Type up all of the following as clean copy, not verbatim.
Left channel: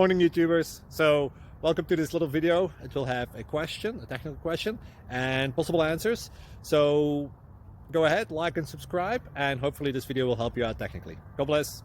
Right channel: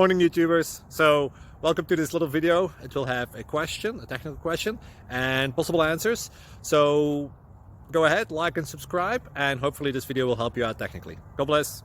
Morning YouTubers. So welcome to this little video. It will have a question, a technical question, and possible answers. So go ahead, like and subscribe, and hopefully this video will help you out technically. God bless.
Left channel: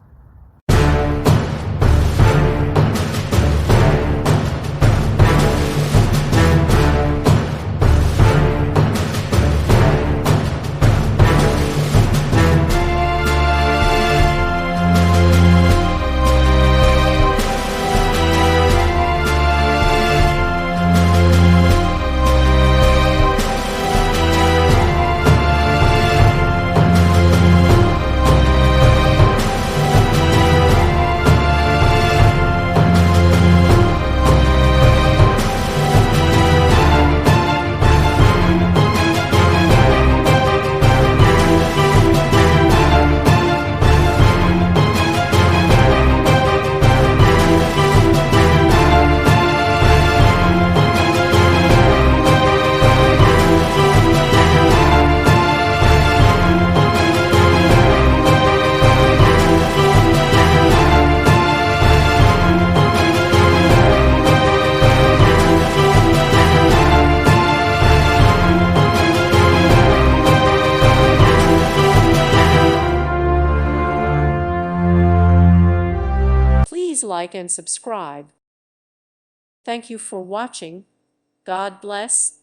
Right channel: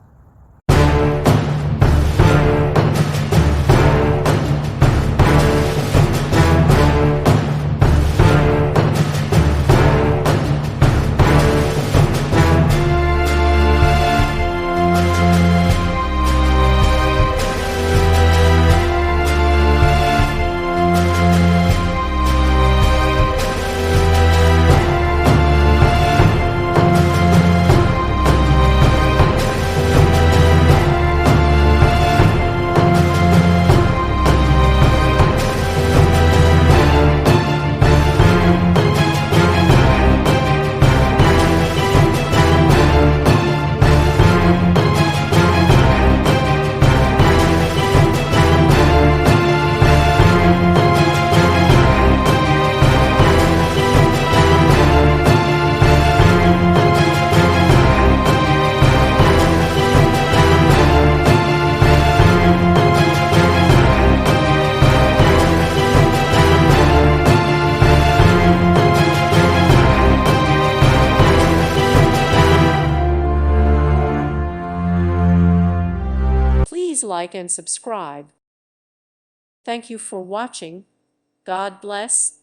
Please like and subscribe. Thank you for watching. God bless.